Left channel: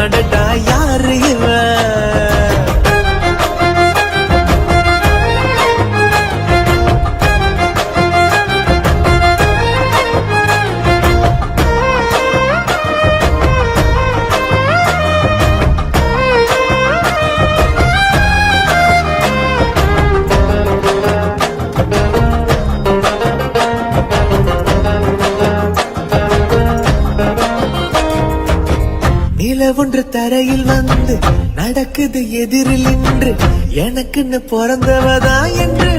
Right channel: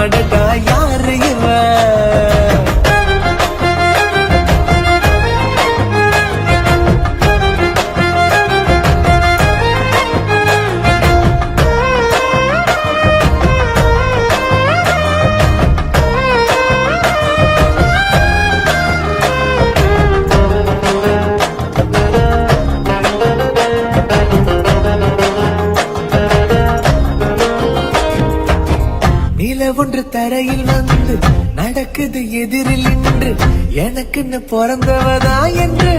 அடடா யாரு இவன்? நிலவொன்று தரையில் வந்து நடக்குது எதிரில் நின்று எனக்குன்னு பிறந்தவதா என்று